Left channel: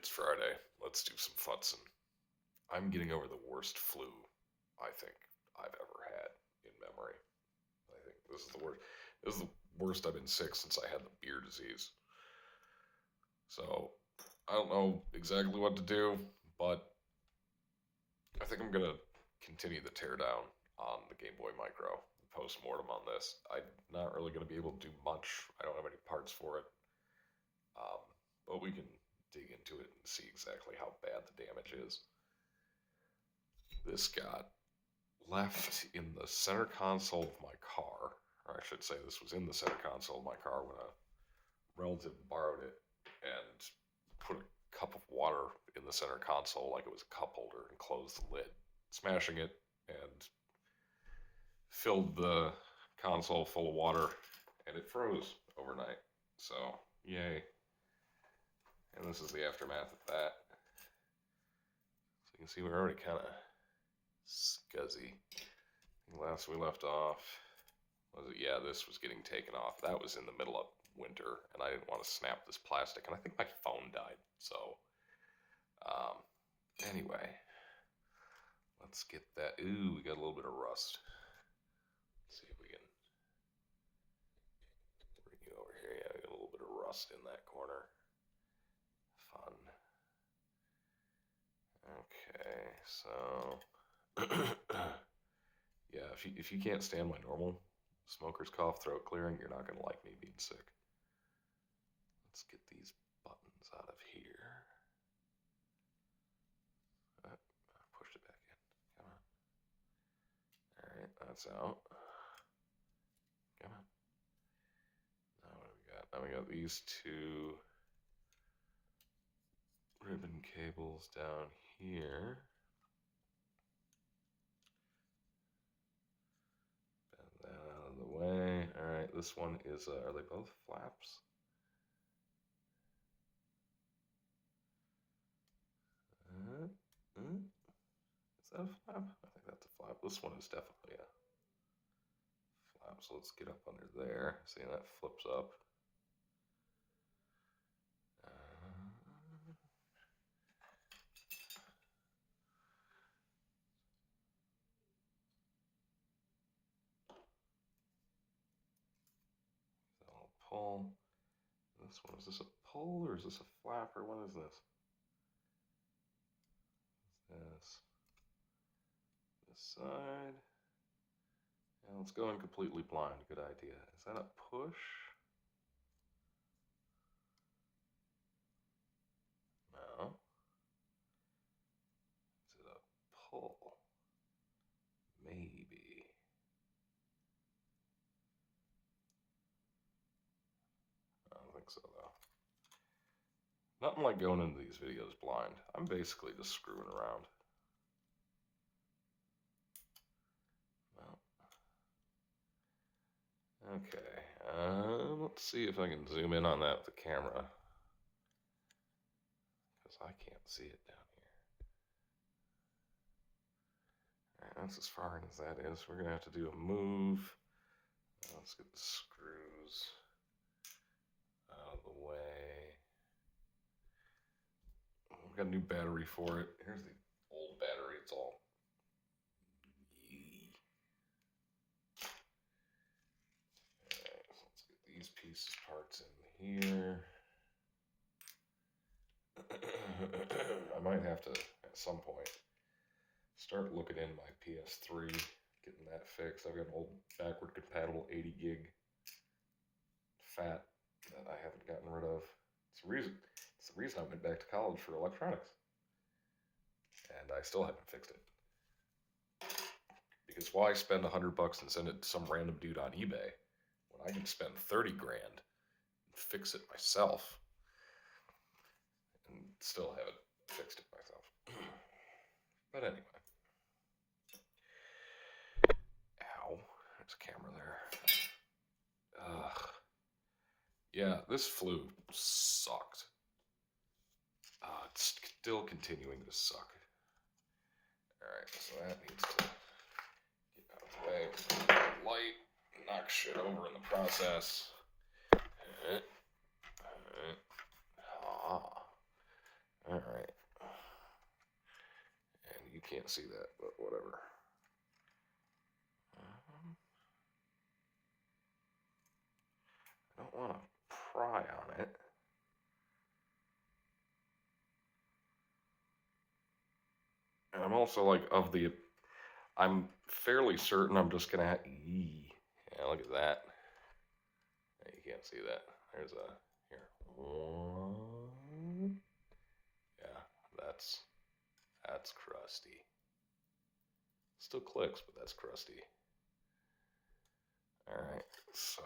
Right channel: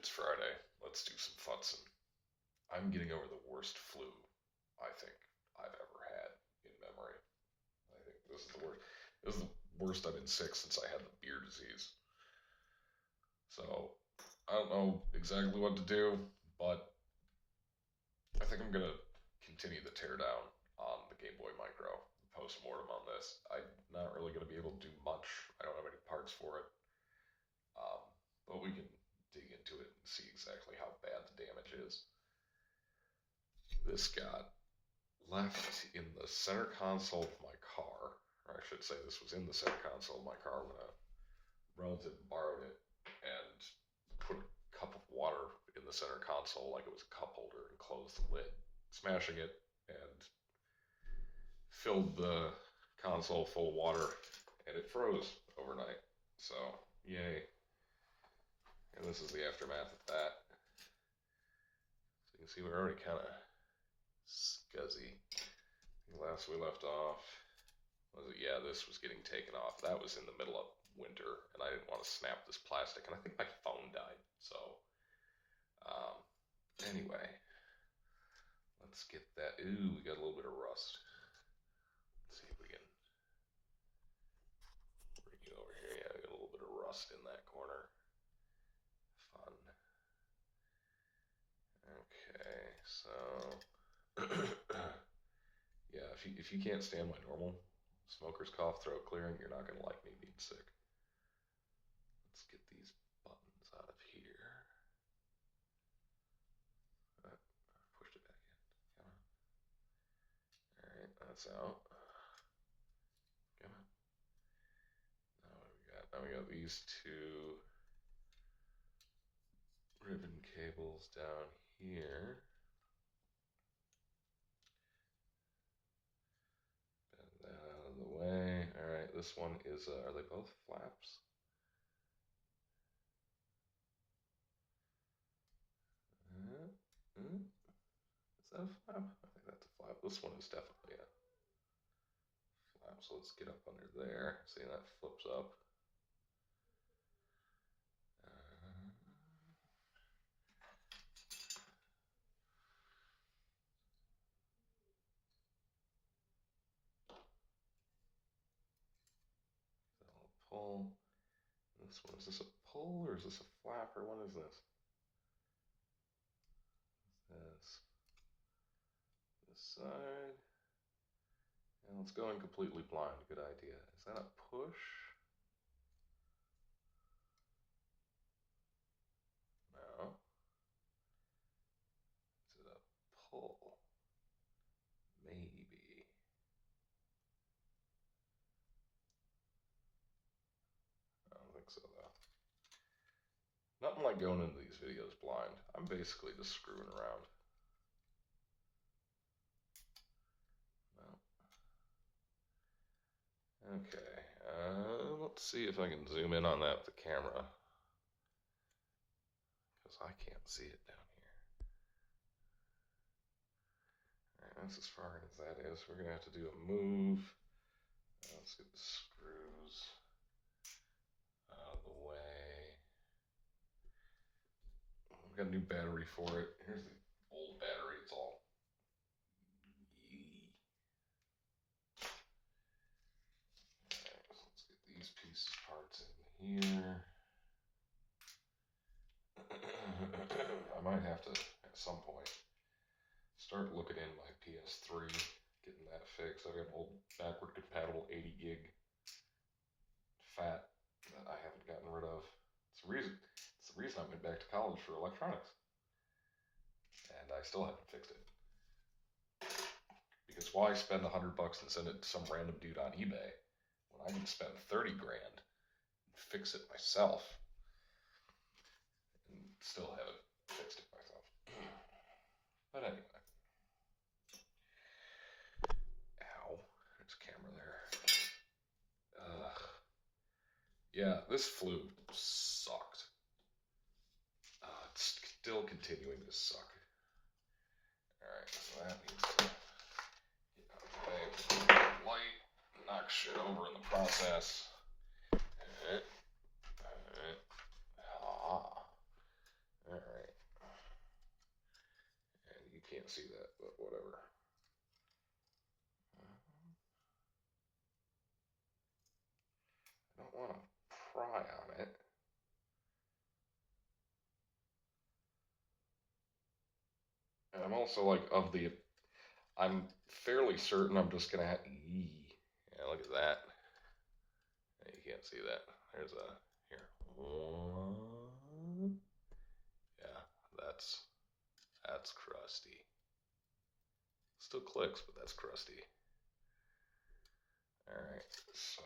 It's Friday. Let's do some futzing. I'm getting over the worst flu I think I've ever had in memory. I think this is the worst. This is the worst I've been sick since I had the beer disease. So I don't know exactly what to do, but I think I'm gonna continue the teardown on the Game Boy Micro, the postmortem on this. I'm not really gonna be able to do much. I don't have any parts for it, um, but we can dig into it and see exactly how bad the damage is. This got left in the center console of my car, or I should say this was in the center console of my car when a relative borrowed it and put a cup of water in the center console like it was a cup holder and closed the lid, smashing it and filled the console full of water, and it froze overnight. So, yay. And this is the aftermath of that. So you can see we're already kind of scuzzy. Last we left off, was it? Yeah, this was getting taken off. That was in the middle of winter, and I didn't want to snap this plastic, and I think my phone died. So, anyway, let's get that. Ooh, we got a little bit of rust. Let's see if we can bring it over here. Yeah, we got a little bit of rust in that corner. Fun. Okay, so yeah, if you can't stand my normal smoker's cough, throat clearing, you're not gonna like me being sick. Let's get these buttons out of here. I pushed it back in. Come on. Alright, that's out. Come on. Now what do we got? Now we got these two ribbon cables down here. Bend that out of the way. Alright, this one is, are they both flaps? Is that a flap? I think that's a flap. This one is definitely a flap. So let's get up under there. See, that flips up. So I'll pull. This one, is this a pull or is this a flap or what is this? This side. And let's go in completely blind. Good idea. Is that a push? No. Is it a pull? Maybe. I don't think so though. Nothing like going into these videos blind. I'm basically just screwing around. Okay, let's see if I can zoom in on that with the camera, because I can't see it down here. Alright, that's as far as that is. We're going to have to do a move. Let's get the screws out of the way. We've got a new battery for it. Here's the old battery. It's all these pieces parts in here. I might have to at some point start looking in my PS3, getting that fixed. I've got an old backward compatible 80 gig fat that I haven't gotten rid of. It's the reason I went back to college for electronics, and I still haven't fixed it. Because why spend $100 and send it to some random dude on eBay when I can spend 30 grand and fix it myself and still haven't fixed it myself. But anyway. Ow. There's a camera there. Ugh. Yeah, this flu sucked. It's still continuing to suck. Alright, so that needs to get out of the way. Light, knock shit over in the process. Alright, can't see that, but whatever. I don't want to pry on it. And I'm also like I'm fairly certain I'm just gonna yeah, look at that. Yeah, you can't see that. There's here. One. Yeah, that's crusty. Still clicks, but that's crusty. Alright, so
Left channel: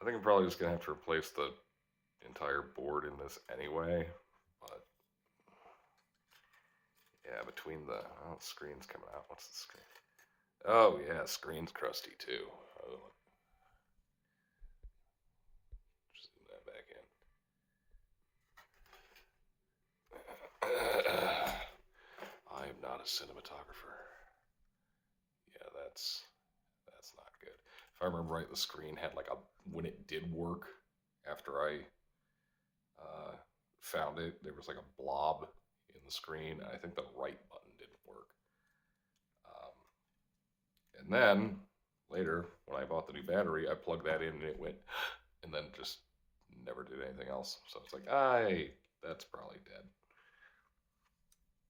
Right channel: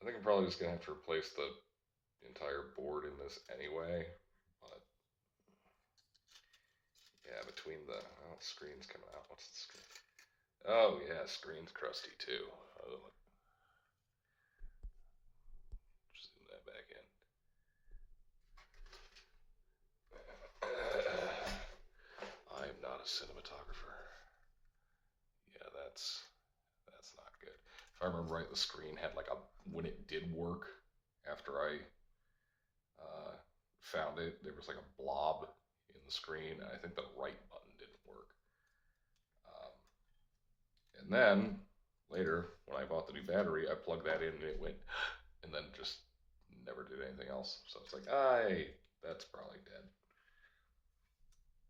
I think I'm probably just gonna have to replace the entire board in this anyway. But yeah, between the screen's coming out. What's the screen? Oh yeah, screen's crusty too. Zoom that back in. I am not a cinematographer. Yeah, that's not good. If I remember right, the screen had like when it did work after I found it, there was like a blob in the screen. I think the right button didn't work. And then later, when I bought the new battery, I plugged that in and it went, and then just never did anything else. So it's like, that's probably dead.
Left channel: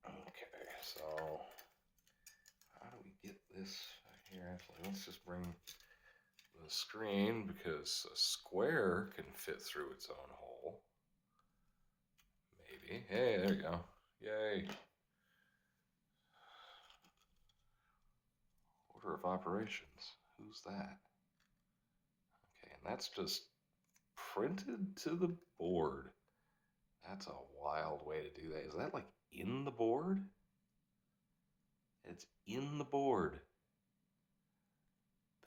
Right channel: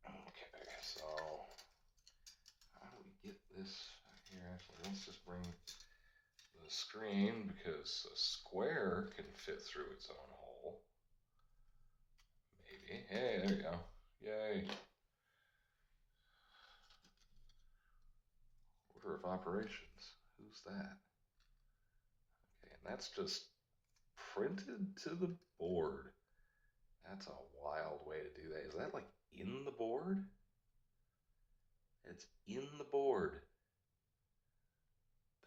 Okay, so how do we get this back here? Actually, let's just bring the screen because a square can fit through its own hole. Maybe. Hey, there we go. Yay. Order of operations. Who's that? Okay, and that's just printed to the board. That's a wild way to do that. Is that like in the board? It's in the board.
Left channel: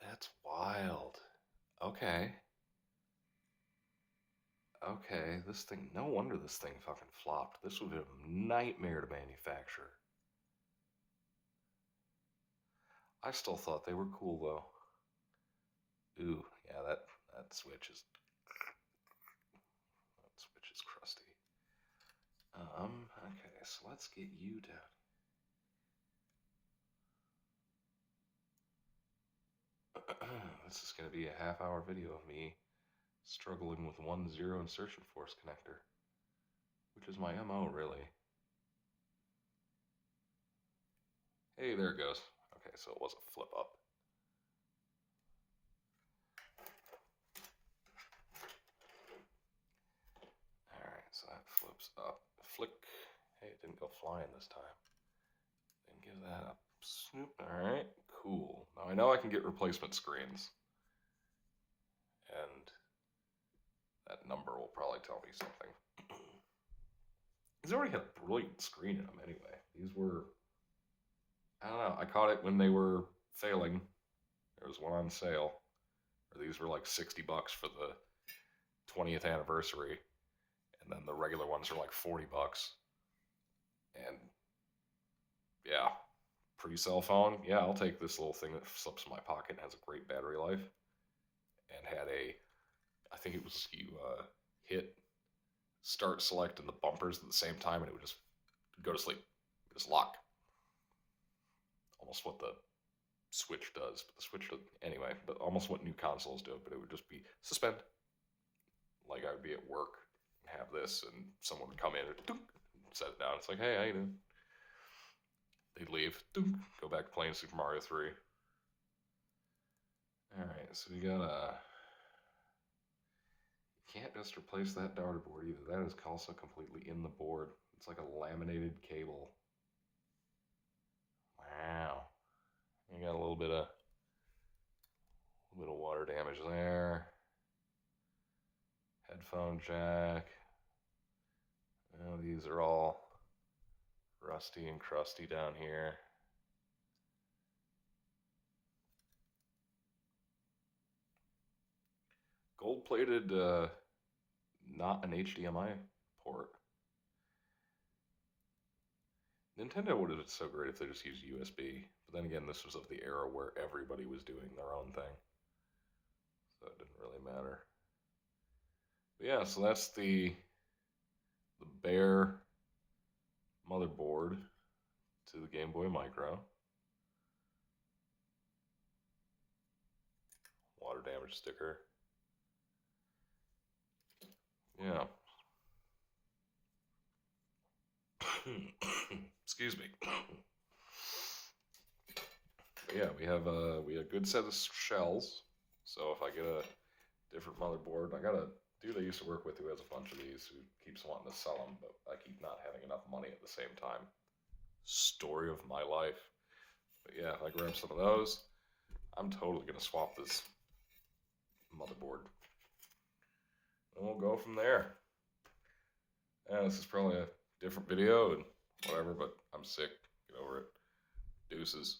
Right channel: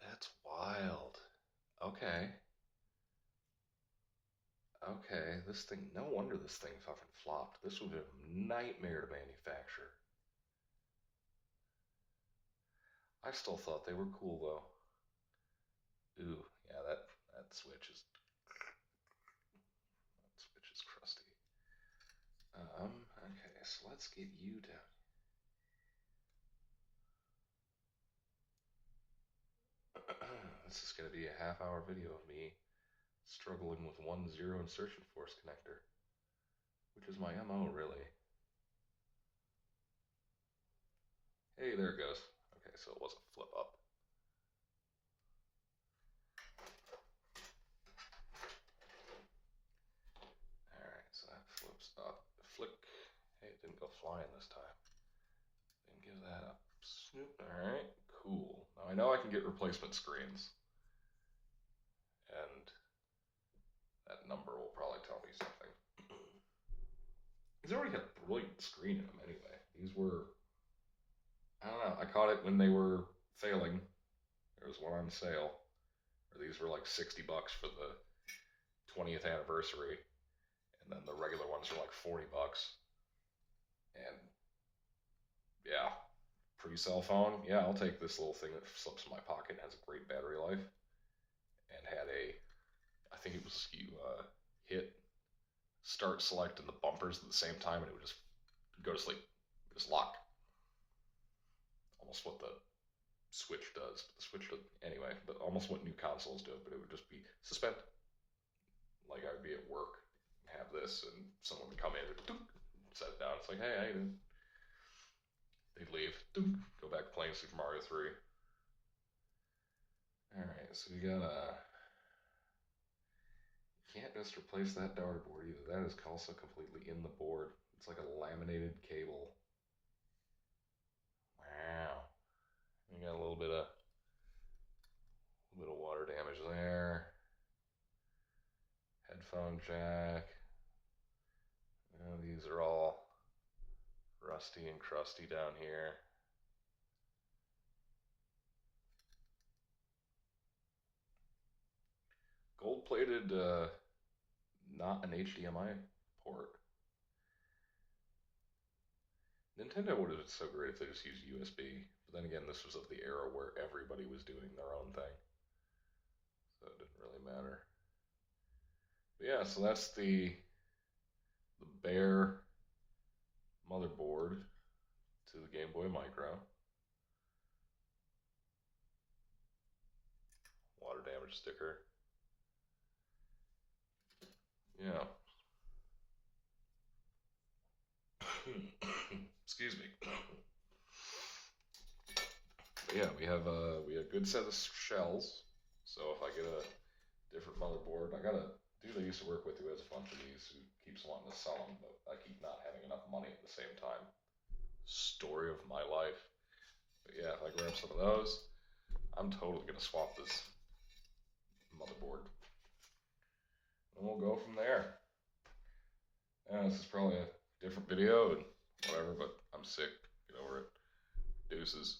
That's wild. Okay. Okay, this thing, no wonder this thing fucking flopped. This would be a nightmare to manufacture. I still thought they were cool though. Ooh, yeah, that switch is crusty. Okay, so let's get you down. This is going to be a half-hour video of me struggling with 1-0 insertion force connector, which is my MO, really. Hey, there it goes. Okay, so it was a flip up. Alright, so that flips up. Flick. Hey, it didn't go flying this time. Then give that up. Snoop. Alright, cool. Now I know I can get replacement screens. And that number will probably tell me something. These already had a brilliant screen in them anyway. These were, I don't know, I caught it when they were failing. There was one on sale. Or these were like 60 bucks for the 20th anniversary. And then the regular ones are like 40 bucks. And yeah, pre-cell phone, yeah, I'll take this little thing that slips in my pocket and has a great battery life. And had I think it was you hit start selecting the bumpers at the same time and it would just go to sleep, just lock. Almost what the Switch does, but the Switch does anyway, but almost what new consoles do, but it would just be suspend. Like I would be at work and have this and someone would come in and set it down. It's like, hey, how you doing? They'd leave, go back playing Super Mario 3. Alright, so we got can't just replace that daughter board either. That is also completely in the board. It's like a laminated cable. Wow. You got a little bit of water damage there. Headphone jack. Oh, these are all rusty and crusty down here. Gold-plated, not an HDMI port. Nintendo would have been so great if they just used USB. But then again, this was of the era where everybody was doing their own thing. So it didn't really matter. But yeah, so that's the bare motherboard. to the Game Boy Micro. Water damage sticker. Yeah. Excuse me. But yeah, we have a good set of shells. So if I get a different motherboard, I got a dude I used to work with who has a bunch of these who keeps wanting to sell them, but I keep not having enough money at the same time. Story of my life. But yeah, if I grab some of those, I'm totally gonna swap this motherboard. And we'll go from there. And this is probably a different video and whatever, but I'm sick. Get over it. Deuces.